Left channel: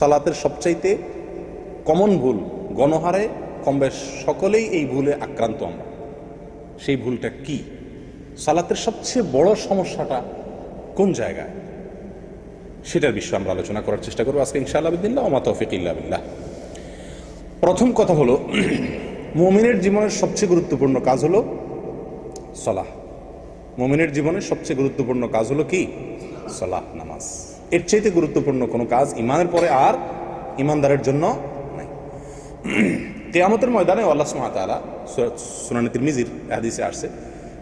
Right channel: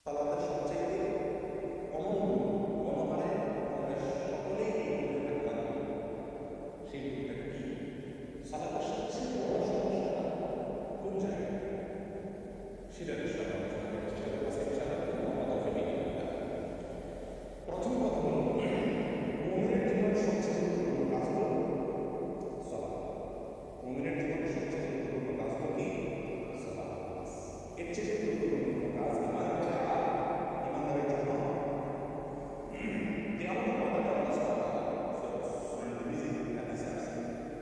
সালাতের সবচাইতে কমন ভুল, গণহারে কম বেশ সকলেই এই ভুলে আক্রান্ত আমরা। সেই ভুলটা কি? সালাতের সবচেয়ে বড় সমস্যাটা কোন জায়গায়? সেটার বিষয়ে আমরা আলোচনা করার চেষ্টা করব আজকে, ইনশাআল্লাহ বিদিল্লাহ ওমা তৌফিক ইল্লা বিল্লাহ। প্রথম কথা হলো, মুমিনের জীবনের সবচেয়ে গুরুত্বপূর্ণ কাজ হলো সলাহ। মুমিনের জীবনের সবচেয়ে গুরুত্বপূর্ণ কাজ হলো কি? সলাহ, নামাজ। এর চাইতে গুরুত্বপূর্ণ কোনো কাজ ইমানের পরে আর ইমানদারের জন্য কেয়ামতের ময়দানে আল্লাহ সুমাতালা সুনানি তিরমিজির হাদিসে আসছে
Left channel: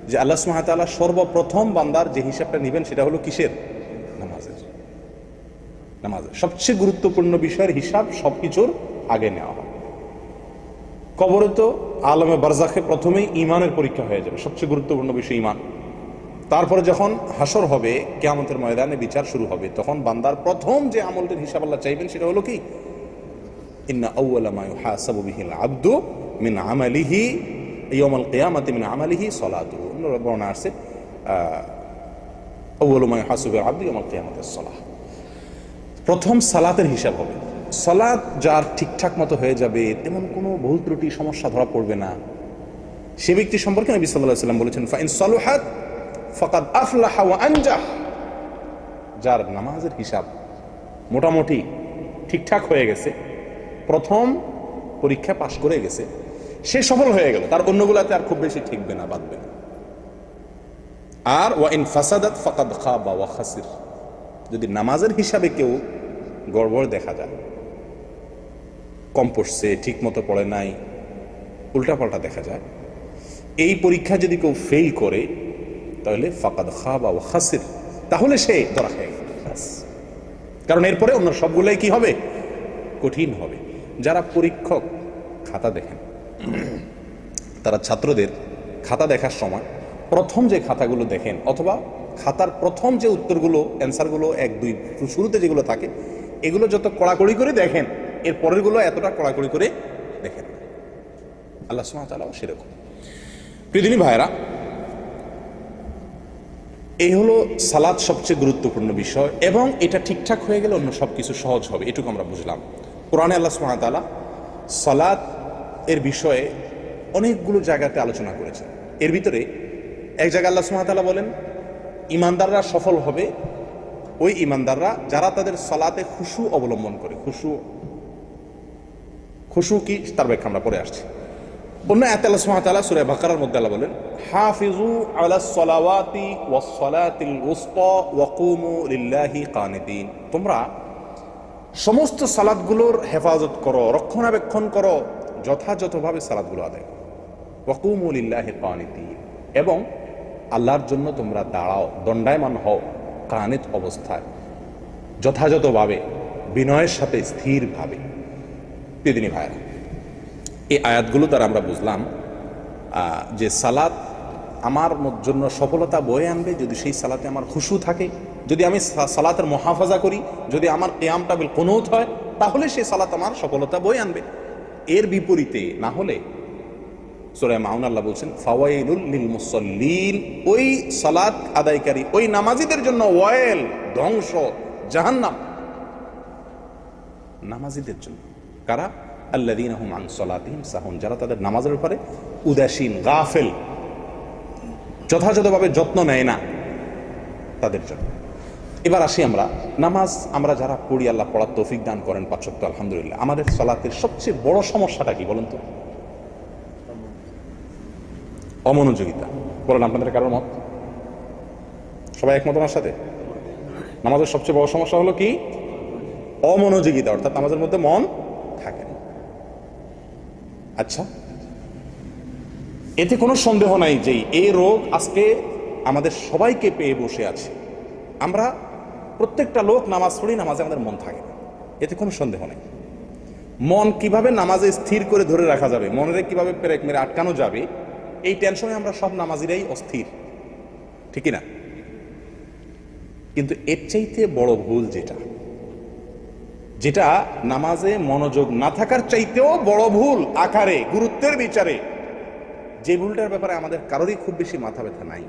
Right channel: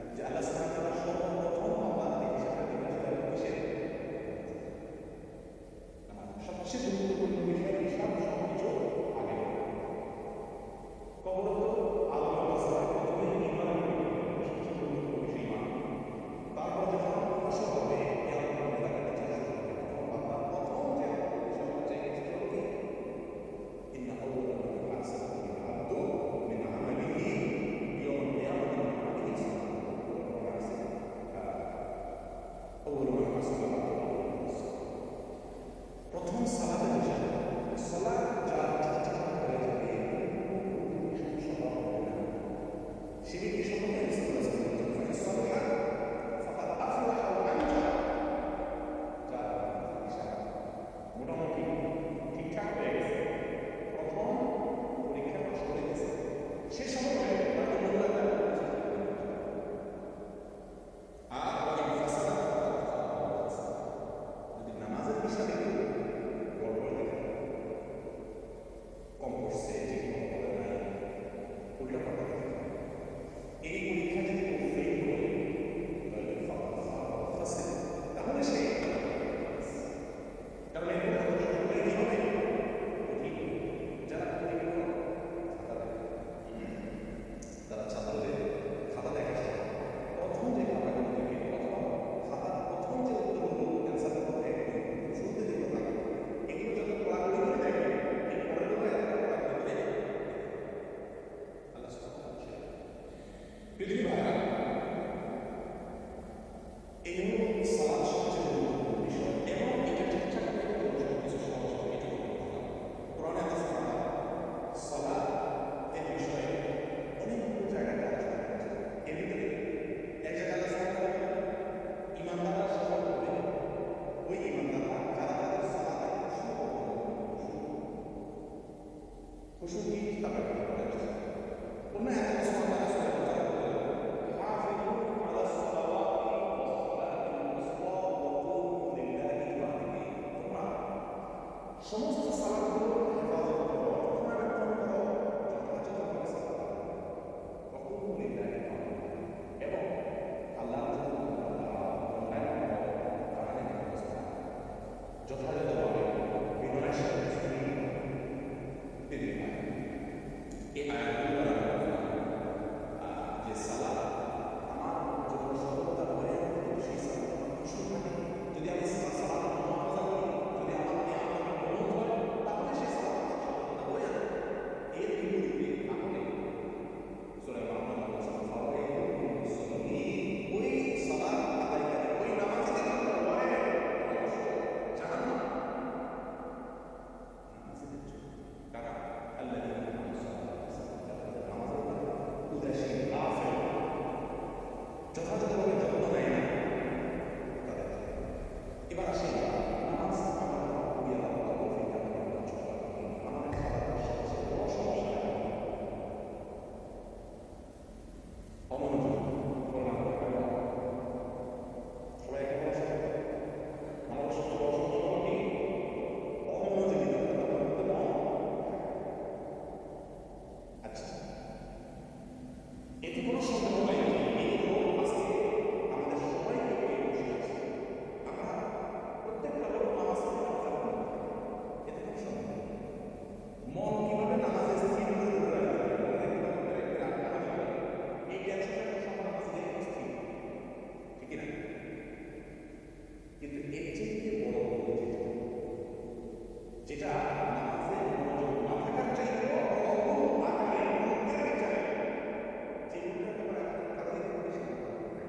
যে আল্লাহ সুমাতালা সর্বপ্রথম বান্দার যে হিসাবটা নেবেন সেটা হলো কিসের? নামাজের। নামাজের। সবচেয়ে গুরুত্বপূর্ণ বিষয়ের হিসাব সবকিছুর আগে নেওয়া হয়। কবরে তো আলমে বারজাখে প্রথমেই ইমানের পরীক্ষা হয়ে যাবে। সবচেয়ে গুরুত্বপূর্ণ বিষয় ইমান তারপরে যখন হাসর হবে, কেয়ামতের ময়দানে বিচার শুরু হবে, তখন বান্দার প্রথম যে আমলটির হিসাব আল্লাহ চাইবেন সেটা হলো কি? ইন্না আউয়ালা মা ইউহাসাবু বিহিল আবদু মিন আমালিহি ইয়াউমাল কিয়ামাতি মিন আমালিহি সালাতুহু। অন্য বর্ণনা আছে আউয়ালু মা ইউহাসাবু বিল আবদু ইয়াউমাল কিয়ামাতি সালাহ। প্রথম সালাতের হিসাব হবে। সালাত যার ঠিকঠাক মতো হয়ে যাবে, তেমন কোনো ভুল ত্রুটি, সমস্যা ধরা পড়বে না। সে ব্যক্তি সম্পর্কে নবী আলাইহি সাল্লাম বলেছেন, ফাইন সালুহাত ফাকাদ আফলাহা যার নামাজের হিসাব মোটামুটি ঠিকঠাক হয়ে গেছে, প্রথম পরীক্ষা পাশ করে গেছে, সে সফল হয়ে গেল, তার অন্যগুলাতে আর খুব বেশি ঠিকবে না, বাঁধবে না। আর ওয়া ইন ফাসাদাত ফাকাদ খাবা ওয়া খাসির। যদি নামাজের হিসাবে কেউ গড়বড় দেখা যায় কম পড়ছে ঠিক মতো পড়ে নাই, উল্টাপাল্টা দেখা যায়, এই পরীক্ষা যদি কেউ ফেল করে তাহলে ফাকাদ খাবা ও খাসির। তাহলে সে ধরা খেয়ে। কারণ এরপরে অন্য সবগুলোই কি হবে? কঠিন হবে। যারা পরীক্ষক খাতা দেখেন, তারা ছাত্রদের খাতা দেখার সময় প্রথম যে খাতাগুলো দেখেন অথবা খাতার প্রথম যে উত্তরগুলো, অ্যান্সারগুলো এক, দুই, শুরুতে যেগুলো থাকে, এগুলো যত কড়াকড়ি করে দেখেন, এর পরেরগুলো এতটা কড়াকড়ি করে দেখেন। আল্লাহ সুমাতালাও সেরকম। পৃথিবী ভাইরা এই হলো সালাদ সবচেয়ে গুরুত্বপূর্ণ বিষয় এবং এটা ঠিকঠাক হয়ে গেলে অন্য সব কিছু সহজ হবে, এটুকু আমরা বুঝলাম। কোরআনে আল্লাহ সুমাতালা সালাদ এর বিষয়ে অনেকগুলো জায়গাতে আলোচনা করেছেন। এর ভিতরে এক জায়গায় আল্লাহ সুমাতালা বলেন, ইমানদাররা সফল হবে ওই ইমানদাররা যারা তাদের সালাতে খুশু অবলম্বন করে। খুশু খুশু কি? তার ব্যাখ্যা আমরা পরে আসছি। অন্য আয়াতে আল্লাহ ওয়া বাকারার মধ্যে আল্লাহ বলেন হাফিজু আলাস সালাওয়াতি ওয়াস সালাতিল উসতা ওয়া কুমু লিল্লাহি কানিতিন। তোমরা সমস্ত সালাদগুলোর হেফাজত করো, রক্ষণাবেক্ষণ করো, যথাযথভাবে সালাদগুলো আদায় করো। ওয়া কুমু লিল্লাহি এবং আল্লাহর জন্য তোমরা দাঁড়াও, দণ্ডায়মান হও, কানিত অবস্থায়, যথাযথভাবে, বিনয়ের সাথে স্থিরভাবে। দিদিনী ভাইরা এই আয়াতগুলো দ্বারা আমরা বুঝলাম যে সালাত আমার জন্য সফলতা বয়ে আনবে যদি সেই সালাতে আমার খুশু থাকে। যদি আমি সালাতের মহাফাজা করি, যদি আমার কেয়ামটা বিল কোনৌত হয়, তাহলে সেই সালাত আমার সফলতা বয়ে আনবে। এর বিপরীতে না হলে সুরায় মাউন আল্লাহ বলছেন, ফাওয়াইলুল লিল মুসল্লিন ওই সালাত আদায়কারী, ওই নামাজিদের জন্য ওয়েল ধ্বংস, জাহান্নাম। নামাজিদের জন্য। কারা? আল্লাদিন আহম আন সলাতিহিম সাহুন, যারা তাদের নামাজের উপরে উদাসীন, গাফেল, যথাযথভাবে যত্ন নেয় না, তাদের জন্য। এবার আসি আমরা, নামাজ আমরা যারা পড়ি, আল্লাহ পড়ার তৌফিক দান করেন পাঁচক্ত আলহামদুলিল্লাহ। আমাদের সলাতের সবচেয়ে বড় সমস্যাটা কি বলুন তো? অমনোযোগিতা। বলেন, আপনাদের কারোর মত? সবাই একমত আমার সাথে? নামাজের সবচেয়ে বড় সমস্যা হলো কি? অমনোযোগিতা, অর্থাৎ নামাজের মধ্যে মন থাকে না। আচ্ছা। এতে কোনো সন্দেহ নাই যে এই রোগ আজকে আমাদের সবাইকে পেয়ে বসে আছে। আমরা প্রত্যেকটা লোক নামাজ পড়ি, নামাজে আমাদের মন থাকে। এতে কোনো সন্দেহ নেই। মন কীভাবে নামাজে স্থির করে ধরে রাখা যাবে, মনের কীভাবে পেরেক মেরে আটকানো যাবে, এই টেনশনে আমরা সব নামাজিরাই অস্থির। ঠিকই না? কিন্তু এর চাইতে বড় ভুল যেটা যেটা নামাজে মনোযোগ না থাকার চাইতেও বড় ভুল, আকারে, গুরুত্বের বিচারে। যে ভুলটার ব্যাপারে আমাদের কারোরই খুব বেশি মাথা ব্যথা নাই।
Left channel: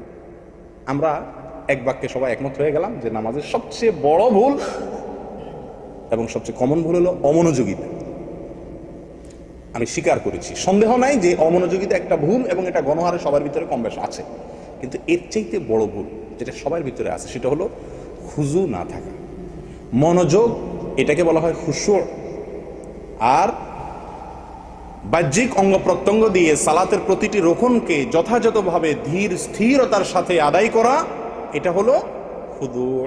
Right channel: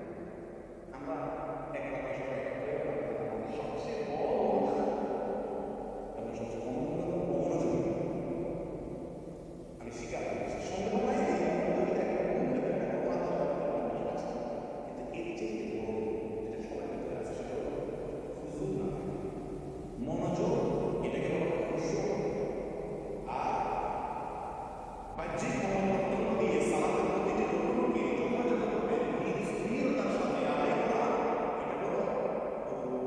আমরা এক বাক্যে সবাই একমত হয়ে গেলাম যে নামাজের সবচেয়ে বড় ভুল এবং সবচেয়ে কমন ভুল হলো অমনোযোগিতা। আমি স্বীকার করেছি। সন্দেহ নাই যে অমনোযোগিতা একটা ভুল এবং এটা গণহারে সবার ভিতরে কম বেশ আছে। কিন্তু এর চাইতে বড় ভুল যেটা সবার ভিতরে আছে সেটা হলো খুজু না থাকা। মনোযোগ এটাকে বলা হয় খুশুর আর বাহ্যিক অঙ্গ প্রত্যঙ্গ দিয়ে সালাতের প্রতিটি রোকনকে যথাযথভাবে ধীর স্থিরতার সাথে আদায় করা, এটা হলো হুদুর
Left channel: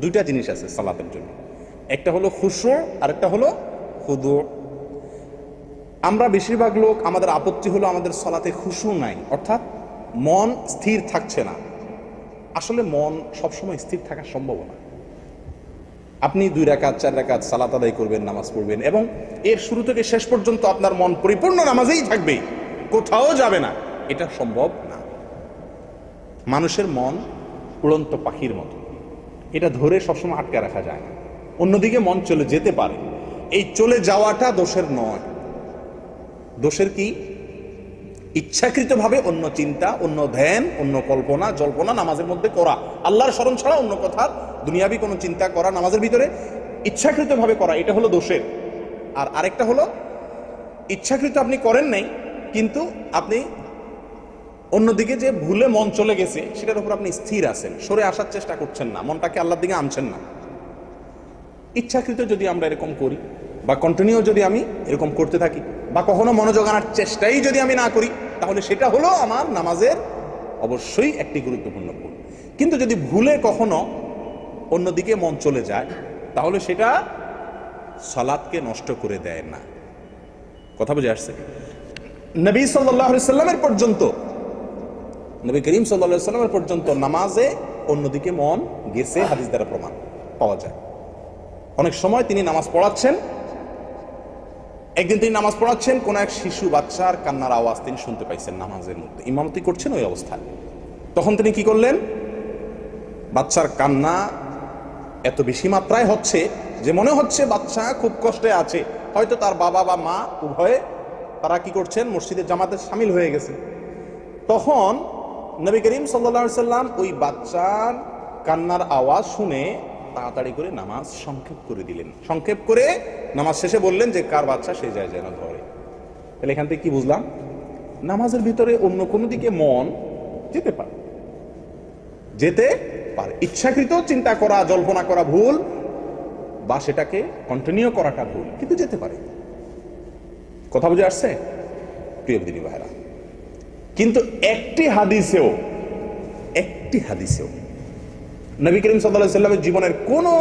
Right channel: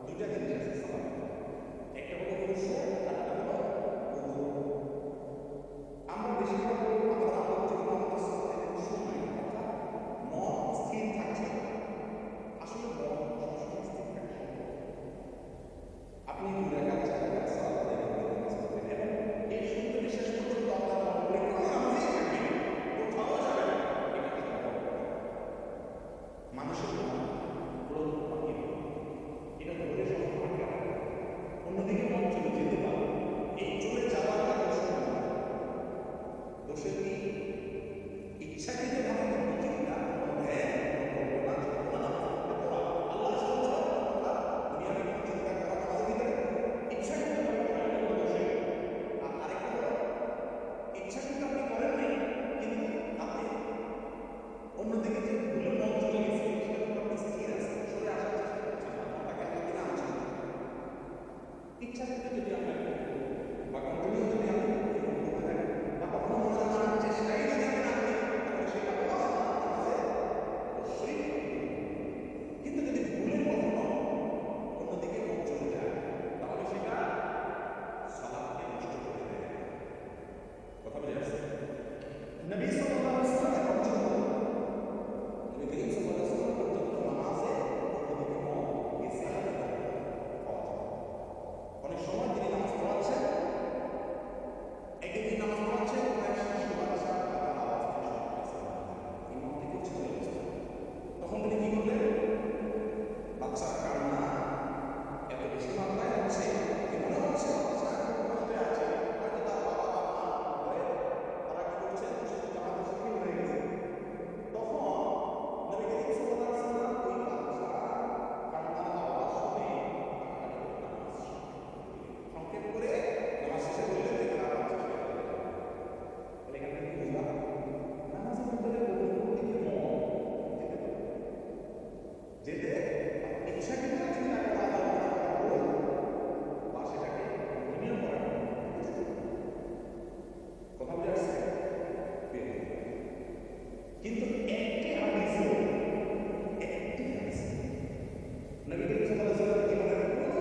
দুইটা জিনিস আছে সালাতের জন্য। একটা হলো খুশুর আর একটা হলো হুদুর আমরা বেশিরভাগ লোক আমাদের আপত্তি হলো আমাদের সলাতে খুশু নাই, অর্থাৎ মন স্থির থাকছে না। আসলে মন সবসময় স্থির থাকা সম্ভব না। আপনি দুই রাকাত, চার রাকাত সালাত আদায় করবেন, নামাজ পড়বেন এবং এর শুরু থেকে শেষ পর্যন্ত আপনার মন পরিপূর্ণ নামাজেই থাকবে। কোথাও যাবে না। এটা সম্ভব না। মানুষের মন উড়ন্ত পাখির মতো। এটা ধরে সবসময় আটকে রাখা যায়। অন্যদিকে মন চলে যেতে পারে। এই চলে যাওয়াটা দোষের নয়। দোষের কি? ইচ্ছাকৃতভাবে অন্য চিন্তা, অন্য ধ্যান, অন্য কল্পনা, জল্পনা নামাজের মধ্যে করা। আল্লাহর স্মরণ ছাড়া অন্য কথা, দুনিয়াবি কোনো চিন্তা করা নামাজের ভিতরে ইচ্ছাকৃতভাবে করা, এটা হলো দোষের। আর আরেকটা হলো, ইচ্ছাকৃত আপনি করেন নাই, কিন্তু আপনি অন্যদিকে যে ভুলে মন চলে গেছে, সেটার উপর আপনি স্থির আছেন, সরে আসার চেষ্টা করছেন না, মনটাকে আল্লাহর দিকে আনছেন না। ইচ্ছাকৃত যদি আমরা এরকম করি, বা কন্টিনিউ যদি আমি এরকম করতে থাকি, বা কখনো মনোযোগ আনার চেষ্টাই যদি আমি না করি তাহলে সেটা হলো আমার নামাজের অবশ্যই একটি গুরুত্বপূর্ণ ভুল কিন্তু যদি ভুলে কখনো অন্যদিকে মন চলে যায়, তাহলে সেটা সালাদকে নষ্ট করে দেয় না। কথা বুঝে আসছে? নবী সাল্লাহ সাল্লামের পর্যন্ত, নবী করিম সাল্লাহ সাল্লামের পর্যন্ত নামাজে অন্যদিকে মন গেছে হাদিস দ্বারা প্রমাণ পাওয়া যায়। অনেক সময় তিনি নামাজ পড়াচ্ছেন একদিন তিনি নামাজ পড়াচ্ছেন, কোন এক শিশু বাচ্চার কান্নার আওয়াজ তিনি শুনতে পাইছেন নামাজের মধ্যে। ইমামতি করছেন ওই অবস্থায়। তখন তিনি কি করলেন? বাচ্চার কান্না এত বেশি মাত্রায় হচ্ছে যে মনে হচ্ছে বাচ্চা খুব কষ্টে আছে। হয়তো তার বাবা বা মা উভয়ে তারা কি করছেন? মসজিদের জামাতে সামিল হয়ে গেছে তখন নবী করিম সাল্লা সাল্লাম ওই বাচ্চার কান্নার আওয়াজ শুনে তাড়াতাড়ি করে নামাজ সংক্ষেপ করে দিলেন। সংক্ষেপ করে নামাজ শেষে বললেন যে, কার বাচ্চা সে যায় যেন ধরে তাহলে এখান থেকে কি বুঝলাম? নামাজের ভিতরে অন্য কোনো দিকে মন যেতে পারে। যেতে পারে। ইচ্ছাকৃত চিন্তা করা, জল্পনা করা ভুল বা সেটাকে কন্টিনিউ করাটা ভুল, কিন্তু যেতে পারে। কথা বুঝে আসছে? প্রিয় দিনী ভাইরা কিন্তু একটি হাদিসেও একটি হাদিসেও নবী করিম সাল্লামের জীবনের কোনো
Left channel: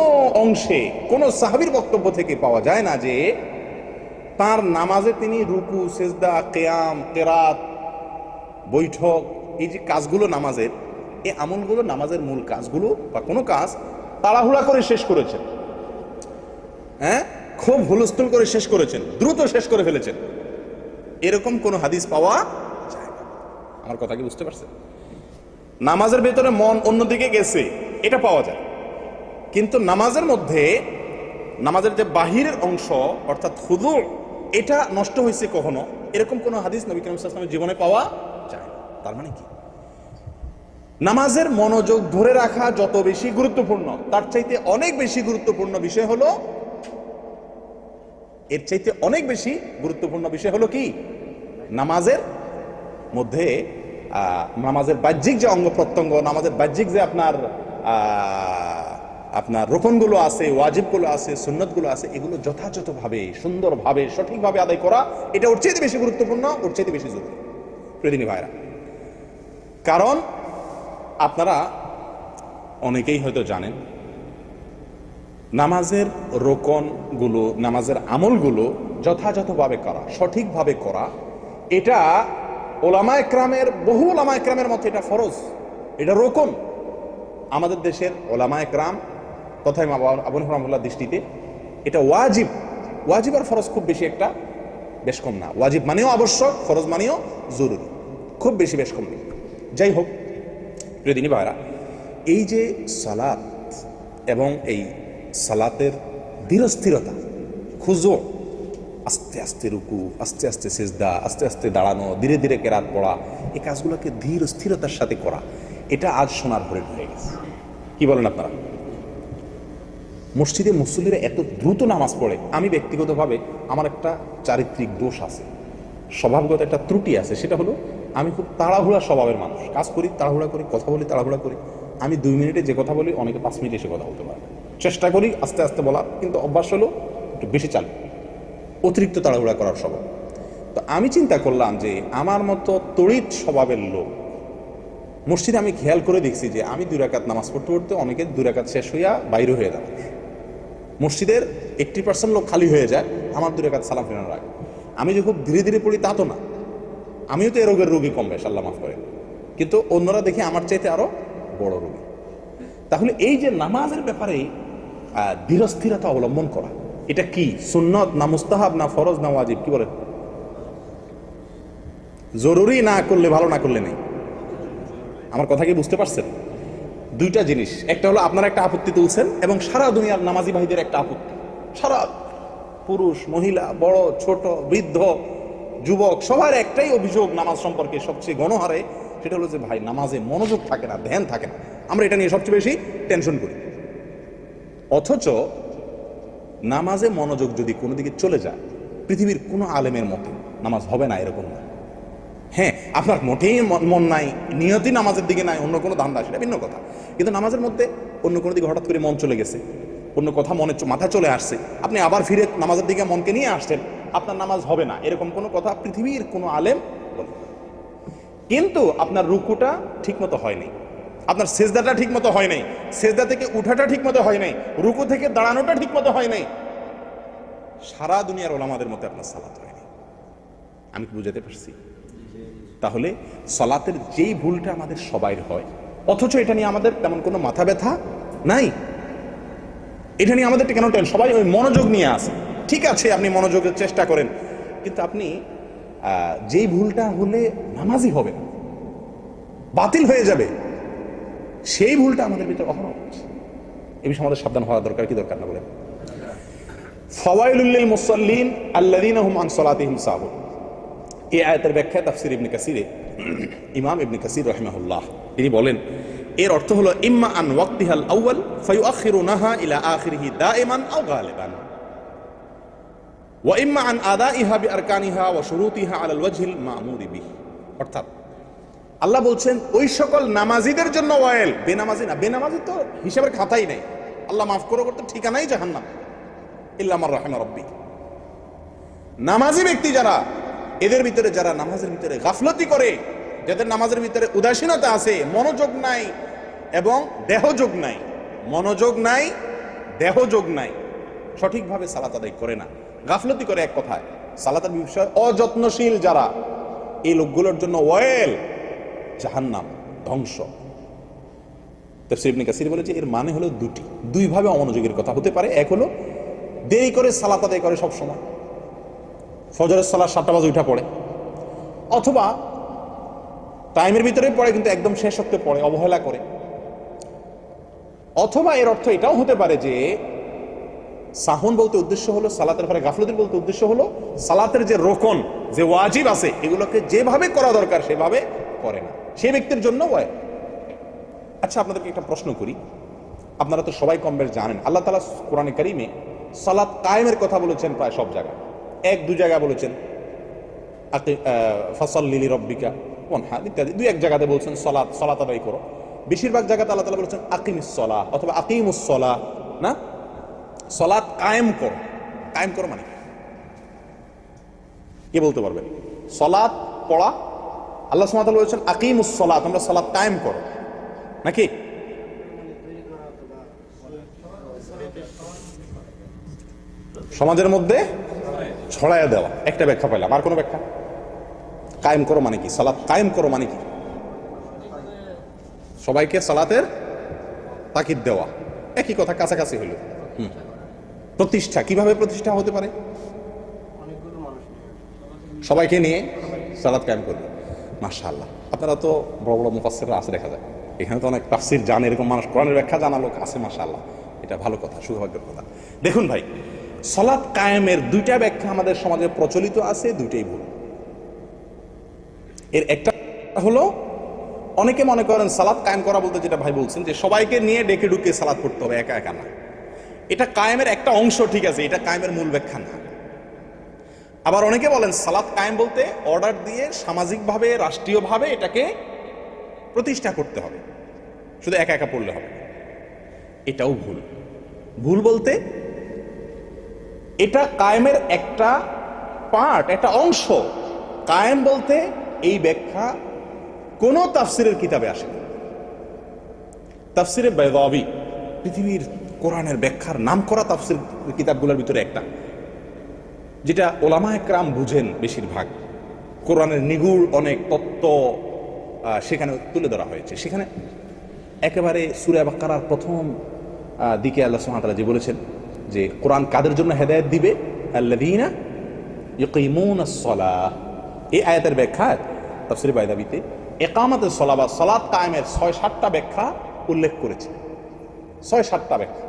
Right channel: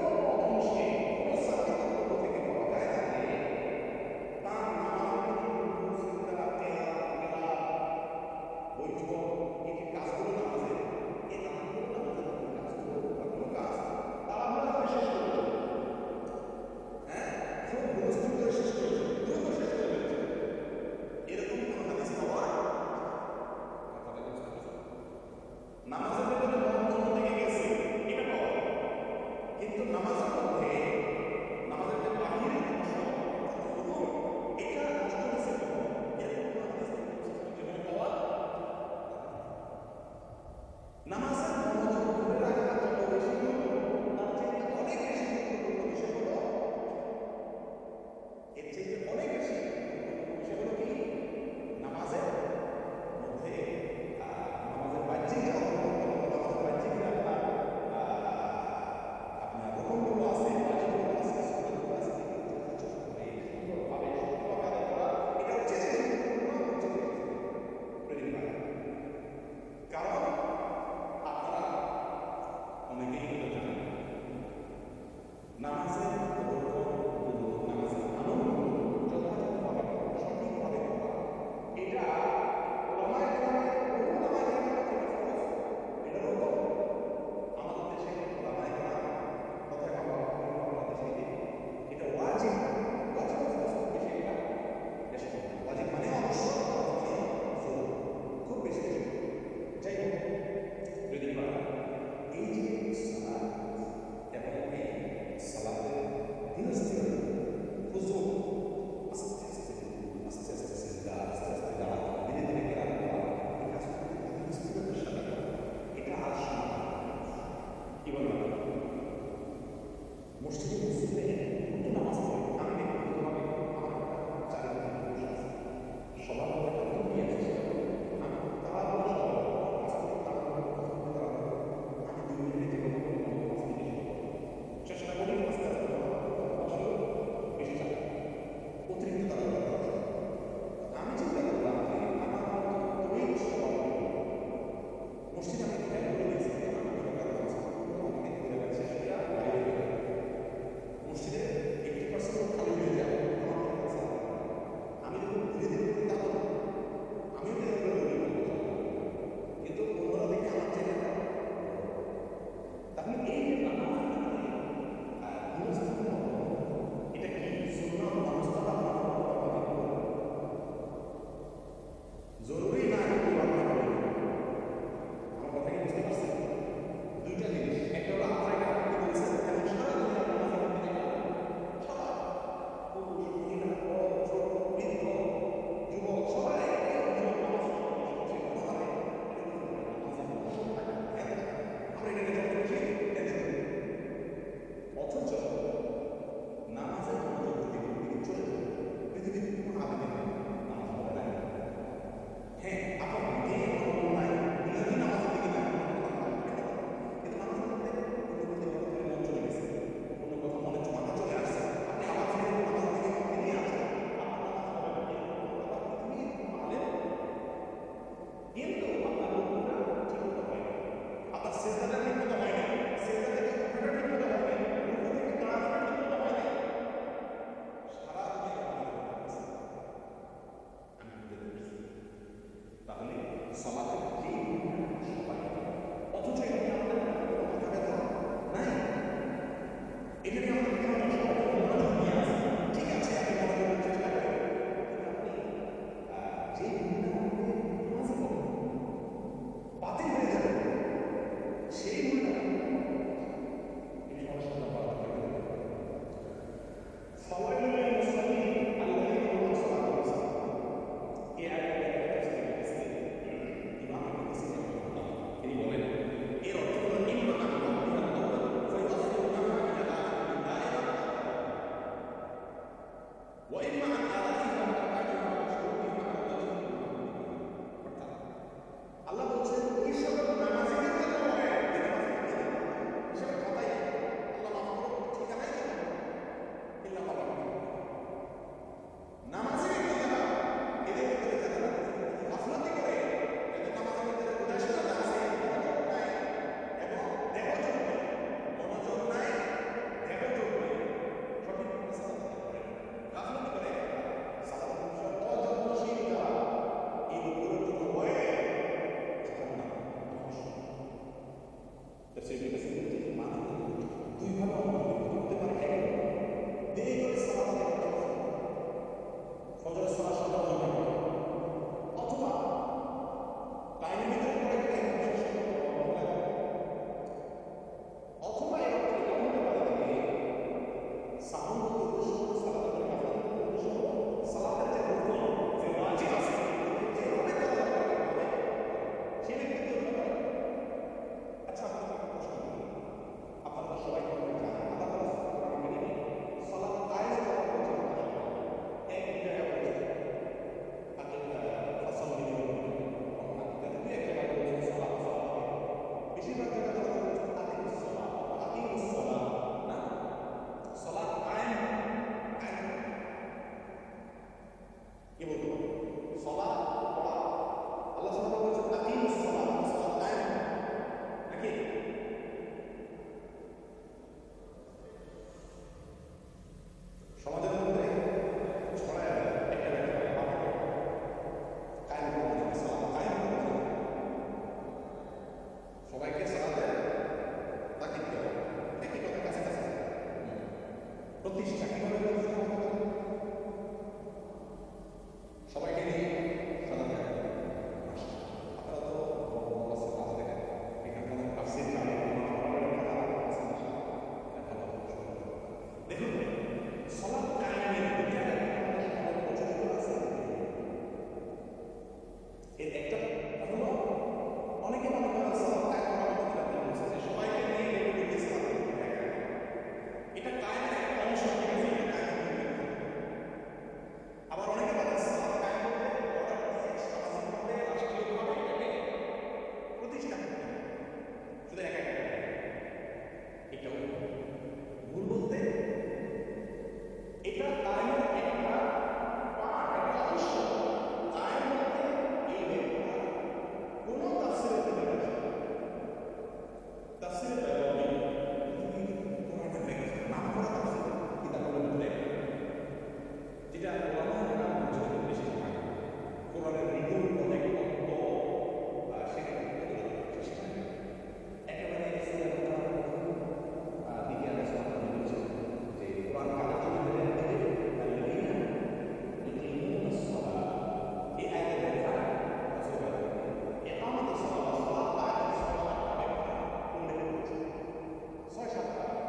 অংশে, কোন সাহাবির বক্তব্য থেকে পাওয়া যায় না যে তার নামাজে তিনি রুকু, সেজদা, কেয়াম, কেরাত, বৈঠক, এই যে কাজগুলো নামাজের, এই আমলগুলো নামাজের মূল কাজগুলো বা কোনো কাজ তাড়াহুড়া করে শেষ করেছেন। হ্যাঁ? খুব হুলস্থুল করে শেষ করেছেন, দ্রুত শেষ করে ফেলেছেন। এরকম কোনো হাদিস পাওয়া যায় না। আমার কথা কি বুঝতে পারছেন? নামাজের ভেতরে মন অন্যদিকে গেছে। এটা পাওয়া যায়। কিন্তু নামাজের মধ্যে, নামাজের যে বাহিরের অংশ, অর্থাৎ হুদুর এটা নষ্ট হয়েছে কখনো? এরকম কোনো হাদিস নবী করিম জীবনে পাওয়া যায়? তার মানে কি? নামাজের মনোযোগ ধরে রাখা যত বেশি গুরুত্বপূর্ণ, তার চাইতে অনেক বেশি গুরুত্বপূর্ণ বিষয় হলো, এর চাইতে অনেক বেশি গুরুত্বপূর্ণ বিষয় হলো কি? নামাজের মধ্যে নামাজের বাহ্যিক যে অঙ্গ প্রত্যঙ্গ, নামাজের বাহ্যিক যে আপনার আপনার রোপণগুলো আছে, ওয়াজিবগুলো আছে, সুন্নতগুলো আছে, এগুলো যথাযথভাবে, সুন্দরভাবে, সঠিকভাবে আদায় করা, এটা ওর চাইতে বেশি গুরুত্বপূর্ণ, ওর চাইতে বেশি জরুরি। প্রতিদিনী ভাইরা কারণ আপনারা অনেকেই হয়তো জানেন, নামাজের রোকনগুলো, নামাজের আমলগুলো যথাযথভাবে করা, সঠিকভাবে করা, এটা ওলামা একরামের বহু ওলামা একরামের মধ্যে এটা ফরজ। এটা রোকন। আমাদের দেশের ওলামা একরাম তথা আবুল রহমুল্লাহ দৃষ্টিতে এটা ওয়াজিব। ওয়াজিব আর ফরজ খুব বেশি একটা বেশ কম না। ওয়াজিব মানেও আবশ্যক ফরজ মানেও জরুরি। খুব বেশি বেশ কম নেই। যাই হোক প্রিয়দিনী ভাইরা এই যে সালাত এবং এই সালাতের ধীরস্থিরতা, খুঁজো, আস্তে আস্তে রুকু, আস্তে আস্তে সেজদা, আস্তে আস্তে দাঁড়ানো, ধীরে ধীরে কেরাত পড়া, এই কাজগুলোকে ধীর স্থিরতার সাথে করা এটা আজ সোনার হরিণ হয়ে গেছে। কি বলেন আপনারা? মসজিদে মুসল্লিরা এত দ্রুত নামাজ পড়ে, আমি ব্যক্তিগতভাবে আমার একটা চারিত্রিক দোষ আছে। স্বভাবগত একটা ত্রুটি আছে, সেটা হলো আমি খুব তাড়াহুড়া স্বভাবের মানুষ। কাজ করি, তাড়াহুড়া করি, কথা বলি, তাড়াহুড়া করি। আমি দুই মিনিটে যে কথা বলি, অনেকে পাঁচ মিনিটে এসে কথা বলতে পারে চেষ্টা করি আস্তে আস্তে বলার, কিন্তু অভ্যাস হলো একটু বেশি চালু অতিরিক্ত তাড়াহুড়া করার স্বভাব। তো আমি চিন্তা করলাম যে আমার মতো তড়িৎ স্বভাবের লোক মসজিদে আমি খেয়াল করে দেখছি যে আমি দুই রাকাত নামাজ পড়তে পড়তে অনেকে দুই রাকাত শেষ হইয়া বাইরে হয়ে যায় মসজিদের এইট্টি পার্সেন্ট লোক খালি হয়ে যায়, আমার দুই রাকাত সালাম ফেরানোর আগে। আমি যে খুব ধীরে ধীরে পড়ি তা তো না। আমিও তো এ রোগের রোগী কম বেশ, আল্লাহ মাফ করে। কিন্তু অন্যরা দেখে আমার চাইতে আরও বড় রোগী। তাহলে এই যে নামাজের ব্যাপারে ধীরস্থিরতা অবলম্বন করা, এটা কি সুন্নত না মুস্তাহাব না ফরজ না ওয়াজিব, কি বলেন? জরুরি না করলে ভালো, না করলে নেই। আমার কথা কি বুঝতে পারছেন? দুইটা জিনিস। একটা হলো আপনারা একটা আপত্তি তুলছেন এবং সারা দুনিয়ার নামাজি ভাইদের একটা আপত্তি। সারা পুরুষ, মহিলা, বড়, ছোট, বৃদ্ধ, যুবক, সবার একটাই অভিযোগ নামাজ সম্পর্কে সবচেয়ে গণহারে, সেটা হলো যে ভাই, নামাজে মনোযোগ থাকে না, ধ্যান থাকে না। আমরা এটা নিয়ে সবচেয়ে বেশি টেনশন করি। অথচ নামাজে মনোযোগ যদি কোনো দিকে চলে যায়, পৃথিবীর কোনো আলেমের মতে নামাজ হবে না এরকম না। হ্যাঁ আপনার মোটেই মন- নাই, নিয়তি নামাজের দিকে নাই, অন্য কোনো ধান্দা, সেটা ভিন্ন কথা। কিন্তু নামাজের মধ্যে অন্য কোনো দিকে হঠাৎ করে মন চলে গেছে, অন্য কথা মনে মাথা চলে আসছে। আপনি আবার ফিরে নামাজের দিকে মনকে নিয়ে আসছেন, আপনার নামাজ হবে না। এরকম কোনো কথা পৃথিবীর কোনো আলেম বলে কিন্তু আপনার রুকুটা ঠিকমতো হয়নি আপনার সেজদাটা ঠিকমতো হয় নাই। সেজদা থেকে উঠাটা ঠিকমতো হয় নাই। রুকু থেকে দাঁড়ানোটা ঠিকমতো হয় নাই। সারা দুনিয়ার ওলামাদের মধ্যে আপনার সালাত হয়নি। আমি বুঝাতে পারছি? তাহলে সলাতের যেই ভুলটা আমাদের সবাইর হয়, অথচ এটা নিয়ে আমাদের তেমন কোনো মাথা ব্যথা নাই। এটা নিয়ে আমাদের কেন টেন? সবাই ওই মনোযোগ নিয়ে আসে ঠিক আছে, আপনি মনোযোগের চেষ্টা করেন। কিন্তু আপনি যেই ভুলটা হলে নামাজই হবে, বাতিল হয়ে যাবে, সেই ভুলটা আমাদের ভিতরে কখনো হচ্ছে এই বিষয়ে আমাদের সাবধান হওয়া দরকার, কি দরকার না বলে ফওয়াইলুল্লিল মুসল্লিন আল্লাযীনা হুম আন সালাতিহিম সাহুন এই আয়াতের ব্যাখ্যা তাফসির ইবনে কাসিরে। ইমাম ইবনে কাসির রহিমাহুল্লাহ, তিনি বলেন, এর অর্থ হলো, ইম্মা আন ওয়াক্তিহাল আউয়াল ফায়ুআখিরুনাহা ইলা আখিরিহি দাইমান আও গালিবান। ওয়া ইম্মা আন আদাইহা বিআরকানিহা ওয়া শুরুতিহা আলাল ওয়াজহিল মা'মুরি বিহি। অর্থাৎ, আল্লাহ বলছেন, ওই সকল নামাজিদের জন্য ওয়াইল। বেনামাজি না, বেনামাজি তো হিসাবের খাতাই নাই। আল্লাহ মাফ করো করতে ঠিকানাই জাহান্নাম। ইল্লা আমার রাহিমা রব্বি। নামাজি ব্যক্তি যারা এদের ভিতরে যারা নামাজের ভিতরে গাফলতি করে, যাদের নামাজের ভিতরে উদাসীনতা আছে, মনোযোগ নাই এবং দেহযোগ নাই, মনোযোগ নাই, দেহযোগ নাই, সঠিকভাবে সালাত আদায় করে না। গাফলতি করে এক কথায় সালাতের বিষয় অযত্নশীল যারা, এই লোকগুলোর জন্য ওয়েল, জাহান্নাম, ধ্বংস। তফসির কাসির বলেছে, এর মানে হলো দুটি। দুইভাবে অমনোযোগের কথা হতে পারে, এক হলো দেরি করে সালাত আদায় করে সব সময় ফজরের সালাদ সাতটা বাজে উঠা পড়ে। অথবা টাইমের ভিতরে পড়ে, কিন্তু একদম শেষ হতে পড়ে, অবহেলা করে। অথবা এর অর্থ এটাও হতে পারে যে, সাহন বলতে উদ্দেশ্য হলো, সালাতের পরে গাফলতির বলতে উদ্দেশ্য হলো, সালাতের যে রোকন, যে ওয়াজিব আছে, এগুলোকে যেভাবে করা দরকার, সেভাবে করে না। সেই ব্যক্তির জন্য ওয়াই। আচ্ছা আপনাদেরকে একটা প্রশ্ন করি। আপনারা তো সবাই কম বেশ জানেন, আল্লাহ তালা কোরআনে কারিমে সালাত কায়েমের কথা বলেছেন প্রায় সব জায়গায়। এক, দু জায়গা বলেছেন ফসল লিলি রব্বিকা হ্যাঁ ইত্যাদি। দুই, এক জায়গাতে বলছেন সলাৎ সলাত আদায় করো। বেশিরভাগ জায়গাতে আল্লাহ তালা বলেছেন, আকিমুস সলা অথবা আকিমুস সলা না? সলাৎ কায়েম করো। কায়েম করো মানে কে? বলতে পারবেন সলাৎ পড়া, আল্লাহ সুমাত বলেছেন, আকিমুস সলাৎ তোমরা সলাৎ কায়েম করো। নাকি? সমাজের মধ্যে ছড়াইয়া দেওয়া। একটা ব্যাখ্যা পেলাম আর কোনো ব্যাখ্যা? কায়েম করো মানে কি? সালাত কায়েম করো মানে কি? সবাইকে সালাতের তাকিদ দেওয়া। একই কথা, কাছাকাছি হইল। প্রতিষ্ঠা, কীভাবে প্রতিষ্ঠা হতে পারে? সবাইকে নিয়ে সালাত কায়েম করবে। মাশাআল্লাহ। আপনারা তো বড় বড় মুফাসসিররা আছে, দেখা যায়। এখানে তো অনেক তাফসির জান, এরকম মানুষ কোরআনের ব্যাখ্যা জানা লোক আছে, মাশাআল্লাহ। এটা ভালো কথা সৌভাগ্যের কথা। দেখুন ভাই সলাৎ কায়েমের দুইটা ব্যাখ্যা আমাদের সমাজে প্রচলিত আছে, দুইটাই ভুল। এর একটা হলো, অনেকে মনে করেন সালাদ কায়েম করা বলতে যেটা ভাই বলছেন যে সবাইকে নিয়ে ডেকে ডুকে সালাদ করতে হবে একা একা না। এটা কায়েমের একটা অংশ ঠিক আছে, এটা কায়েমের মূল ব্যাখ্যা না। আবার অনেকে বলেন সালাত কায়েম বলতে অর্ডার দিয়ে সামাজিকভাবে, রাষ্ট্রীয়ভাবে এটাকে প্রতিষ্ঠা করতে হবে। শুধু একা একা পড়লে হবে এটাও ভুল। ভুল বলতে এটা কায়েমের একটা পার্ট একটা অংশ। কায়েম বলতে এই ব্যাখ্যা কোনো তাফসিরের কিতাবে আসে তাফসিরে বেদাবি, পৃথিবীর কোরআনের ব্যাখ্যার নাম করা তাফসির কিতাবগুলোর ভিতরে একটা। যেটা ওলামা একরাম বুঝেন বেশিরভাগ। কোরআনের নিগুড় অনেক তত্ত্ব সেখানে তুলে ধরা হয়েছে। সেখানে একেবারে সুরে বাক্কারার প্রথম দিকে আল্লাহ সুহামতাল্লাহ যে বলেছেন যে কোরআন কাদের জন্য হেদায়ত দিবে? আল্লাদিনা ইকিমুন সলাহ। এই আয়াতের ব্যাখ্যা, তাফসির বাইদাবিতে একামতের সলা বা সলাৎ কায়েমের ছয় সাতটা ব্যাখ্যা উল্লেখ করেছে। ছয় সাতটা ব্যাখ্যা।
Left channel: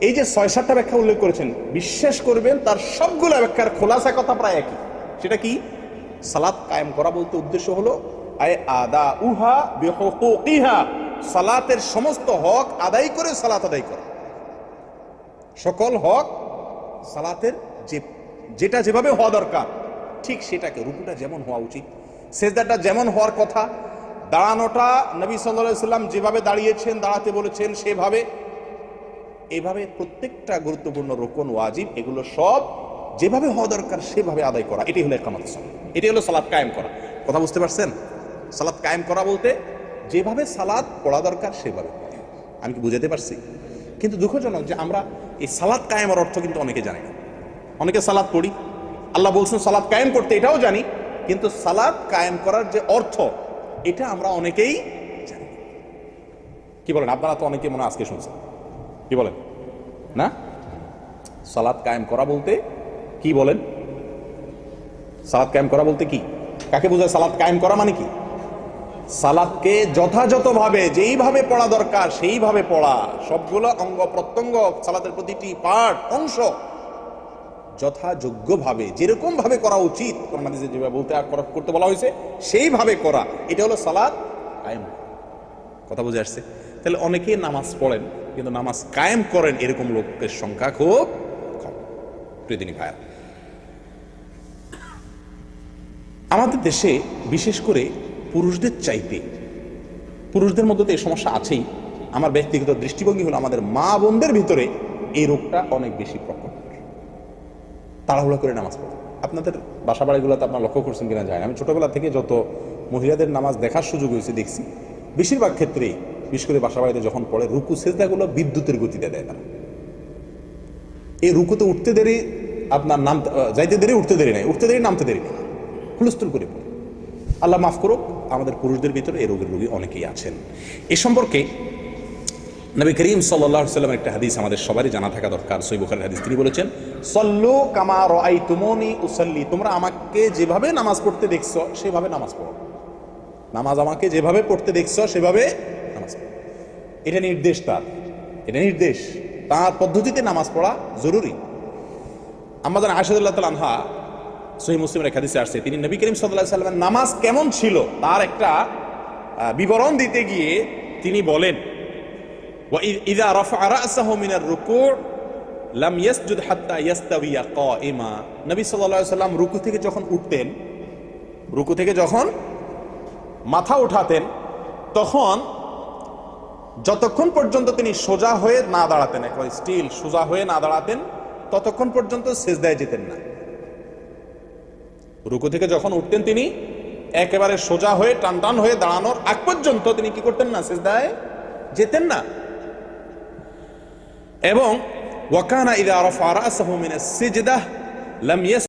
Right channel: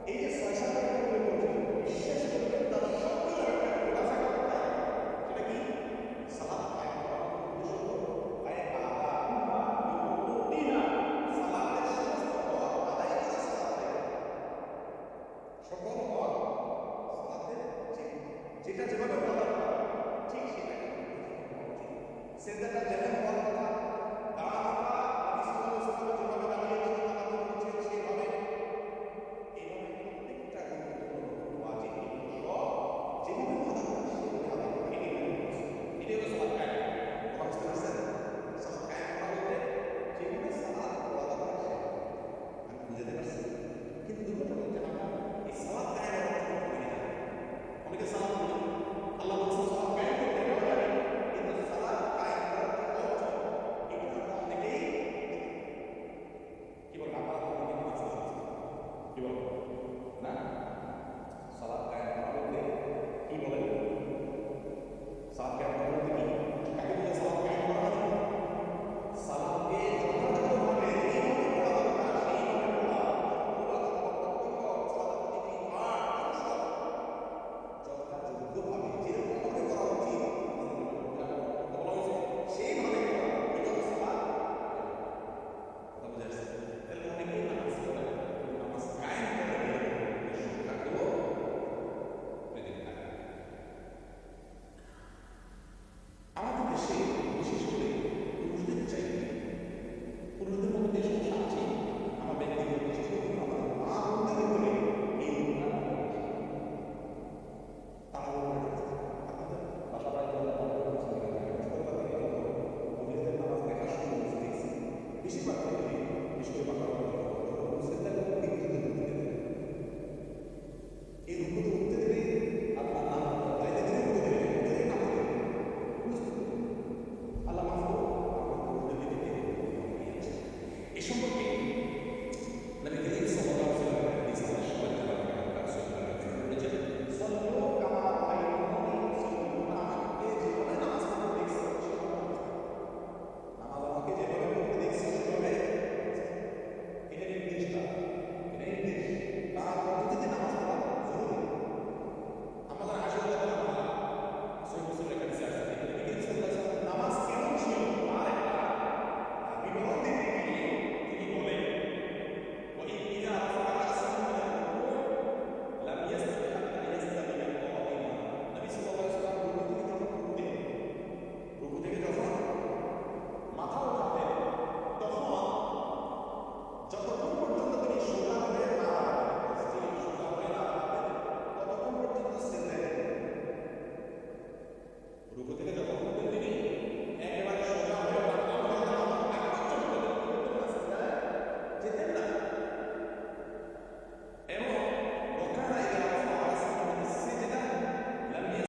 এই যে ছয় সাতটা ব্যাখ্যা উল্লেখ করেছেন, বিশ্বাস করবেন তার সবগুলো ব্যাখ্যার খোলাসা কথা প্রায় একই। সেটা কি? সালাত কায়েম করা বলতে উদ্দেশ্য হলো, আয় আদা উহা বিহুকুকিহা। সালাতের সমস্ত হক আদায় করে সালাত আদায় করে। সকল হক সালাতের যে, যেটা যেভাবে হওয়া দরকার, ঠিক সেটাকে, রুকুটা যেমন হওয়া উচিত। সেজদাটা যেমন হওয়ার কথা, দাঁড়ানোটা নবী সাল্লাহ সাল্লাম যেভাবে দাঁড়িয়েছেন, দাঁড়াতে বলেছেন, সেভাবে, এভাবে প্রত্যেকটা গুরুত্বপূর্ণ রোকন ওয়াজিব, এগুলো সব যেভাবে হওয়া দরকার, সেভাবে আদায় করা এটি হলো একামত সালাত। এটি হলো সালাদ কায়েম করা। কথা বুঝতে পারছেন? সালাদ কায়েম করা বলতে, যেভাবে সালাদ পড়া দরকার, সেভাবে। আমি কি বুঝাতে পারছি? কিন্তু দুঃখজনক যে আমরা এই সালাদ কায়েমের অর্থ কিন্তু অনেকে জানে না। অনেকে সালাদ পড়ি। আল্লাহ বলছেন সালাদ কায়েম করতে এটাও জানি, কিন্তু সালাদ কায়েম করার যে অর্থ, এটা আমরা অনেকেই জানি। কি বলেন? আপনারা তো অনেকে মনে আজকে শুনছেন। কি বলেন? না? সালাদ কায়েম করা বলতে কি বলেন? সালাদ কায়েম করা বলতে কি? কাকে বোঝায় সালাদ কায়েম করা মানে কি? সালাদকে যথাযথভাবে যেইভাবে পড়া দরকার, সেইভাবে পড়া। সবগুলো অঙ্গ প্রত্যঙ্গ সালাতের প্রতিটি পার্ট অংশ যথাযোগ্যভাবে যেরকম ভাবে করা উচিত যেভাবে বলতে করা- করতে বলা হয়েছে, সেইভাবে করা। এটা হলো সালাদ কায়েম কথা বুঝে আসছে? তাহলে অনেকে নামাজ পড়েন, কিন্তু নামাজ কায়েম করেন এরকম লোকের সংখ্যা খুব কম। প্রিয়দিনী ভাইয়া আমাদের দেশে বিশেষ করে পুরুষদের চাইতে। পুরুষদের মধ্যে তো এই সমস্যা আছেই। আমার ব্যক্তিগত দৃষ্টিভঙ্গি হলো আমাদের মা বোনদের ভিতরে এই রোগটা অনেক বেশি প্রকট। তাড়াহুড়া করে নামাজ পড়ে। আপনাদের বাসা বাড়িগুলোতে আপনার লক্ষ্য করছেন কিনা যায় আমি ছোটবেলা থেকে যত মহিলাদের নামাজ দেখার সুযোগ হয়েছে দেখছি বেশিরভাগ ক্ষেত্রেই বিশেষ করে বাসা বাড়িতে যখন পড়ে রুকু সেজদাগুলো বিদ্যুতের গতিতে দেয় তারা। এই রুকুতে উঠতে দেরি আপনার আহ, যাইতে দেরি উঠতে দেরি নাই। উঠতে দেরি নামতে দেরি। হুলস্থুল করে পড়ে। আল্লাহ মাফ করুক, আমাদের পুরুষদের ভিতরে এই রোগের রোগী অনেকেই আছেন। এ সম্পর্কে নবী করিম সাল্লাহ সাল্লামের একটা হাদিস আমাদের সবারই জানা থাকা দরকার, সই বুখারের হাদিস। তিনি বলেছেন, সল্লু কামা রাই তুমনি উসল্লি। তোমরা আমাকে যেভাবে নামাজ পড়তে দেখছ, সেভাবে নামাজ পড়ো। নামাজ আমাকে যেভাবে পড়তে দেখছ, সেভাবে নামাজ পড়ো। এটা নির্দেশ তার। এটা নির্দেশ। তার পদ্ধতিতে নামাজ পড়া জরুরি। আমাদের আশাদুল্লাহ তাল আনহা সহি মুসলিমের হাদিসে আসছে। তিনি নবী করিম সাল্লাহ সাল্লামের নামাজ কেমন ছিল তার একটা বিবরণ দিতে গিয়ে তিনি বলেন ইদা রফা রাসাহু মিনার রুকু লাম ইয়াসজুদ হাত্তা ইয়াস্তাবিয়া কাইমা নবী সাল্লাল্লাহু আলাইহি সাল্লাম রুকু থেকে যখন উঠতেন, রুকু থেকে যখন মাথা উঠাতেন, তখন যতক্ষণ পর্যন্ত তিনি সোজা হয়ে না দাঁড়াতেন এখন স্টিল সোজা হয়ে না দাঁড়াতেন, ততক্ষণ পর্যন্ত সেজদায় যেতেন না। রুকু থেকে যখন উঠতেন তিনি, একেবারে সোজা হয়ে টান টান হয়ে দাঁড়ানোর আগ পর্যন্ত তিনি কি করতেন না, সেজদায় যেতেন না। এবং ওয়াকানা ইদা আরফা রাসাহু মিনাস সিজদাহ লাম